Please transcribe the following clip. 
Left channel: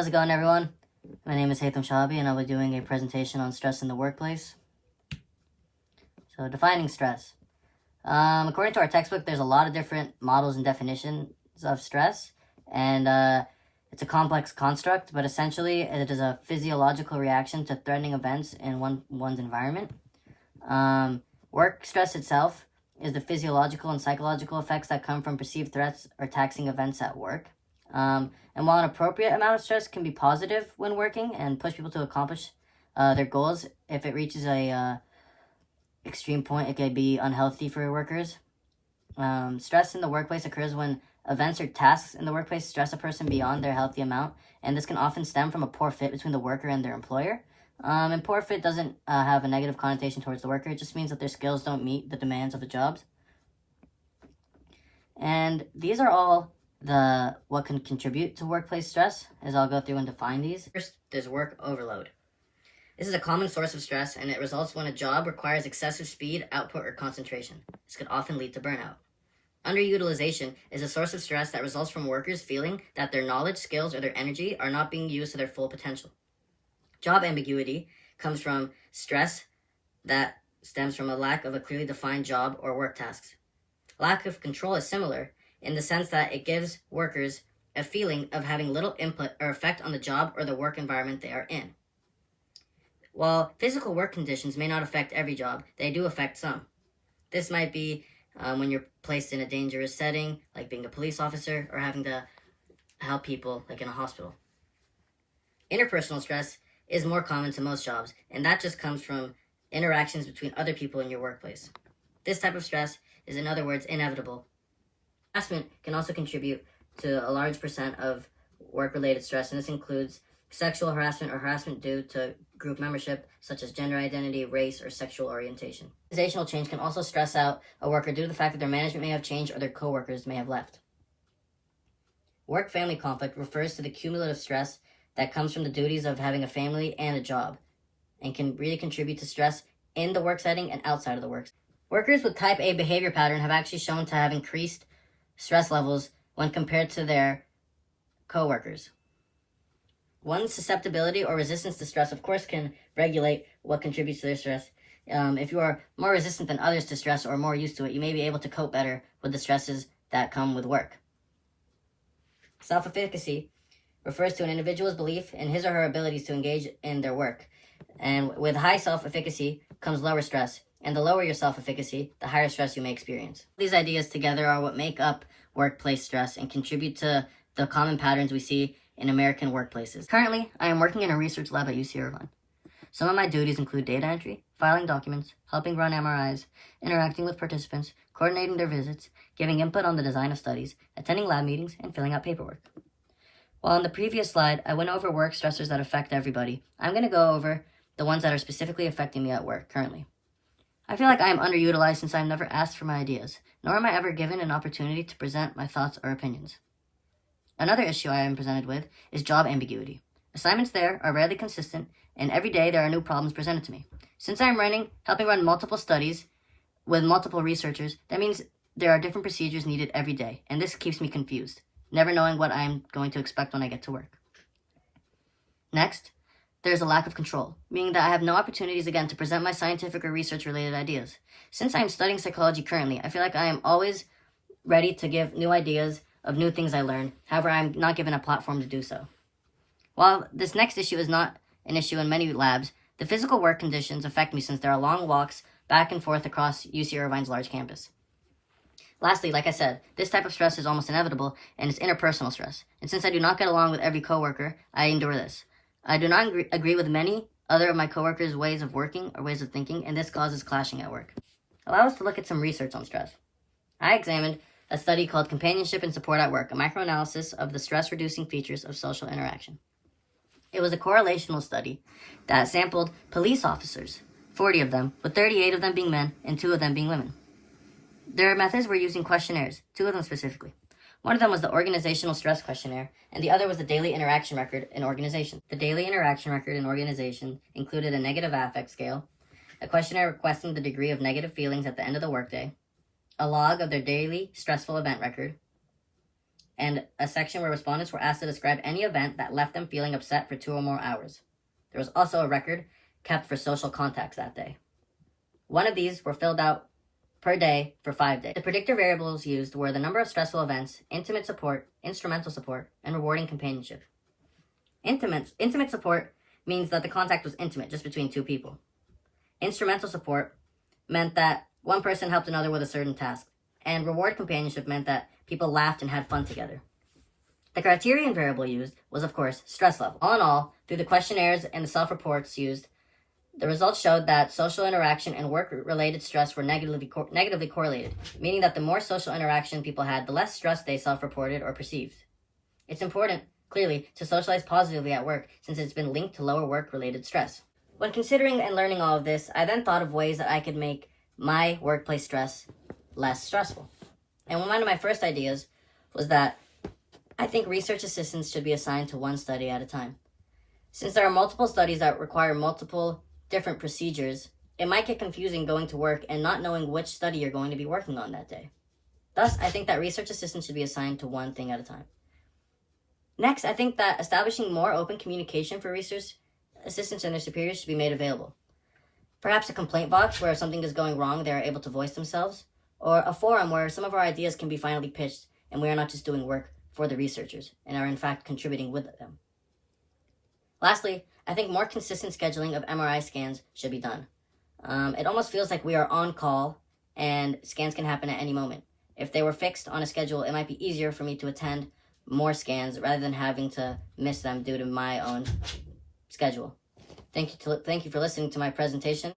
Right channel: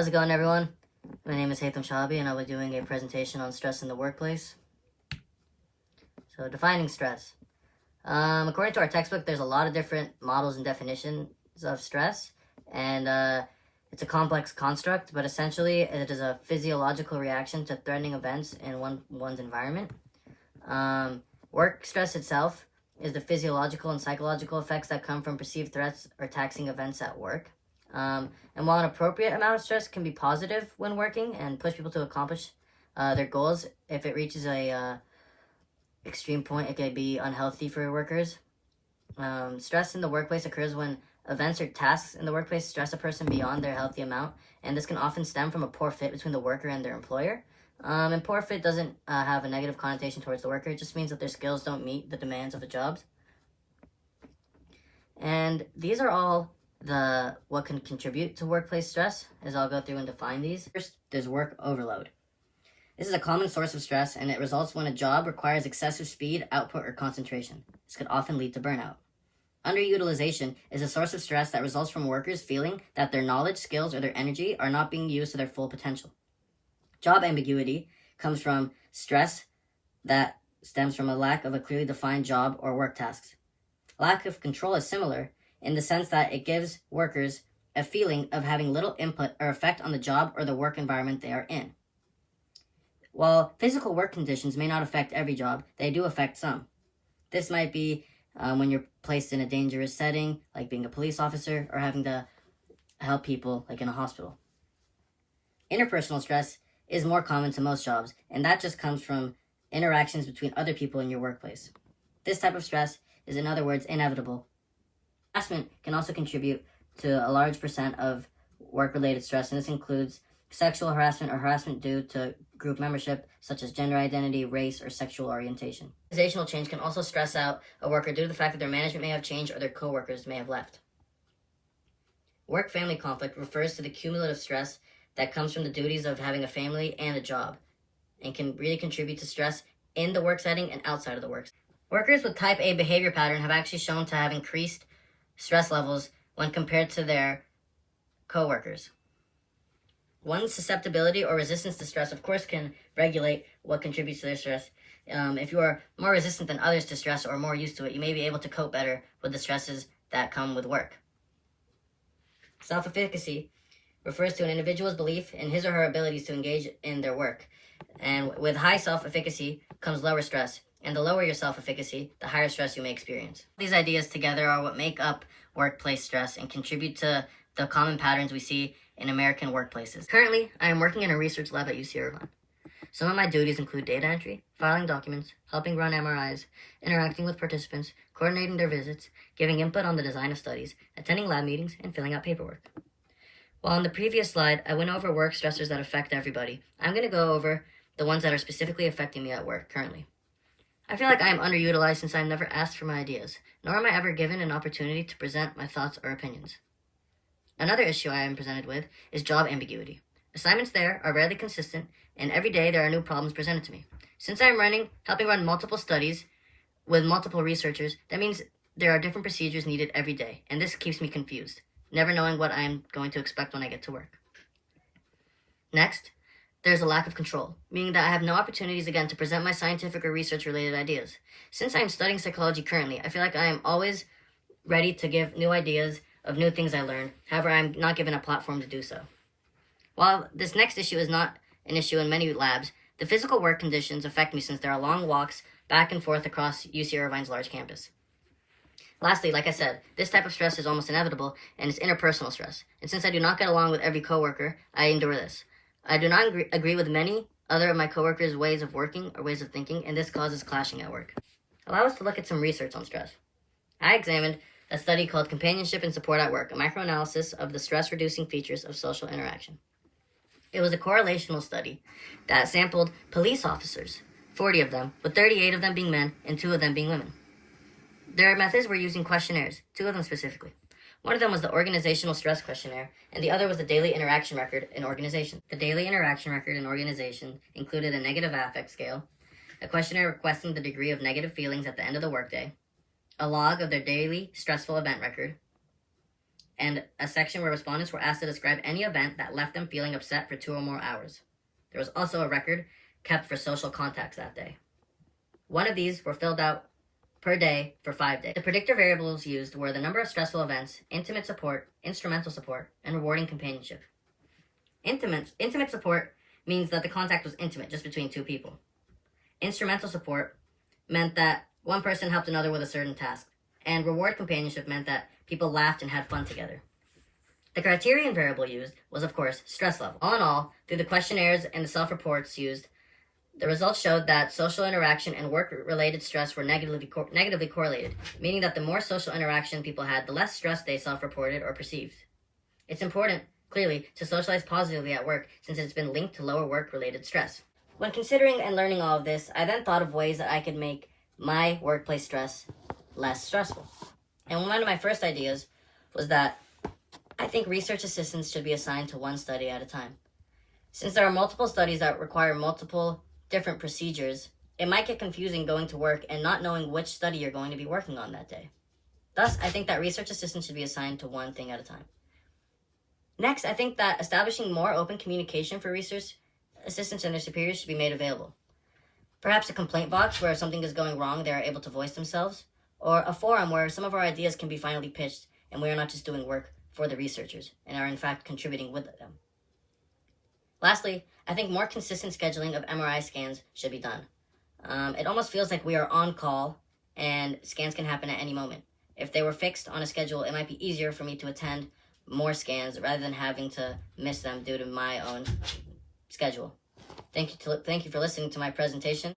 How's it going, everyone? My name is Haitham Shahabi, and I'll be doing a presentation on stress in the workplace. So, defining stress. According to our textbook, there's a lot of different models and definitions of stress, and it's a complex construct, but essentially it is a physiological reaction to threatening events in one's environment. Work stress itself is the physiological and psychological effects that come from perceived threats or taxing events at work. And while an appropriate amount of stress can be positive when working and push people to accomplish their goals, if it reaches a extreme point, it can be unhealthy for workers. Stress in the workplace occurs when events or tasks in the workplace stress a person beyond their healthy amount, and this can often stem from a poor fit between the worker and their employer. And poor fit doesn't have a negative connotation towards the worker. It just means that their skills don't meet the demands of the jobs. And these are all what can contribute to workplace stress, as I'll go through and define these. First, there's work overload. This is a common source of stress, and it results when a job requires excessive speed, output, or concentration. This could often lead to burnout. Underutilization is a source of stress that results from workers feeling that their knowledge, skills, or their energy are not being used to their full potential. Job ambiguity comes from stress that stems from a lack of a clearly defined job or work tasks. Lack of control is similar in the sense that it gives workers a feeling of having little input or effect on the job or the work environment they are in. While physical work conditions may not affect every job, they do affect some. This might be when you're placed in a dangerous setting, like being a police officer, or having to help people, like in a hospital. Interpersonal stress is more common to most jobs, and that just comes from interactions between other people in your workplace. This type of stress is, in other words, inevitable. Harassment can also contribute to a large percent of work-related stress, and this includes sexual harassment or harassment due to group membership, such as gender identity, race, or sexual orientation. Organizational change can also stress out a worker due to the fact that their management may have changed or their coworkers may have left. Work-family conflict refers to the cumulative stress that comes from the duties of having a family and a job, and can really contribute to stress in the work setting and outside of the work. Workers with type A behavior pattern have actually shown to have increased stress levels when compared to their coworkers. One's susceptibility or resistance to stress, of course, can regulate what contributes to their stress. If you are more resistant than others to stress or more used to it, you may be able to cope better with the stresses that come with work. Self-efficacy refers to an individual's belief in his or her abilities to engage in their work. And with high self-efficacy comes lower stress. And the lower your self-efficacy, the higher stress you may experience. These ideas together are what make up workplace stress and contribute to the common patterns we see in American workplaces. Currently, I am working in a research lab at UC Irvine. Some of my duties include data entry, filing documents, helping run MRIs, interacting with participants, coordinating their visits, giving input on the design of studies, attending lab meetings, and filling out paperwork. While on the previous slide, I went over work stressors that affect everybody, I'm going to go over the ones that are specifically affecting me at work currently. I feel like I am underutilized since I've never asked for my ideas, nor am I ever given an opportunity to present my thoughts or opinions. Another issue I am presented with is job ambiguity. Assignments there are rarely consistent, and every day there are new problems presented to me. Since I am helping run multiple studies with multiple researchers, that means there are different procedures needed every day, and this keeps me confused, never knowing what I am going to expect when I get to work. Next, there's a lack of control, meaning that I have no opportunities again to present my scientific or research-related ideas. Since I am studying psychology currently, I feel like I am always ready to give new ideas of new things I learn. However, I am not given a platform to do so. While this next issue is not an issue in many labs, the physical work conditions affect me since there are long walks back and forth across UC Irvine's large campus. Lastly, like I said, this type of stress is almost inevitable, and it's interpersonal stress. And since I do not get along with every coworker, I endure this. I do not agree with many other of my coworkers' ways of working or ways of thinking, and this causes clashing at work. Allow us to look at some research on stress. I examined a study called Companionship and Support at Work, a microanalysis of the stress-reducing features of social interaction. It was a correlational study that sampled police officers, 40 of them, with 38 of them being men and 2 of them being women. Their methods were using questionnaires, 2 of them specifically. One of them was the Organizational Stress Questionnaire, and the other was the Daily Interaction Record in Organization. The Daily Interaction Record in Organization included a negative affect scale, a questionnaire requesting the degree of negative feelings at the end of the workday, a log of their daily stressful event record, and a section where respondents were asked to describe any event that left them feeling upset for 2 or more hours. There was also a record kept for social contacts that day. One of these were filled out per day for 5 days. The predictor variables used were the number of stressful events, intimate support, instrumental support, and rewarding companionship. Intimate support means that the contact was intimate, just between 2 people. Instrumental support meant that one person helped another with a certain task. And reward companionship meant that people laughed and had fun together. The criterion variable used was, of course, stress level. All in all, through the questionnaires and the self-reports used, the results showed that social interaction and work-related stress were negatively correlated, meaning that the more social interaction people had, the less stress they self-reported or perceived. It's important, clearly, to socialize positively at work since it's been linked to lower work-related stress. When considering and learning all of this, I then thought of ways that I could make my workplace stress less stressful. And one of my first ideas was that I think research assistants should be assigned to one study at a time. Since there are multiple studies that require multiple different procedures, it might get confusing going to work and not knowing which study you're going to be working on that day. Thus, I think that research assistants should be assigned to one thing at a time. Next, I think that establishing more open communication for research assistants and their superiors should be made available. Perhaps a complaint box where if something is going wrong, they are able to voice themselves, or a forum where some of our ideas can be finally pitched and we are not just doing work for the researchers and are in fact contributing with them. Lastly, I think more consistent scheduling of MRI scans should be done. It almost feels like we are on call and scans can happen at any moment. If they were fixed on a schedule, it might be easier for me to attend more scans rather than having to miss them due to my own schedule. Thank you for listening to my presentation.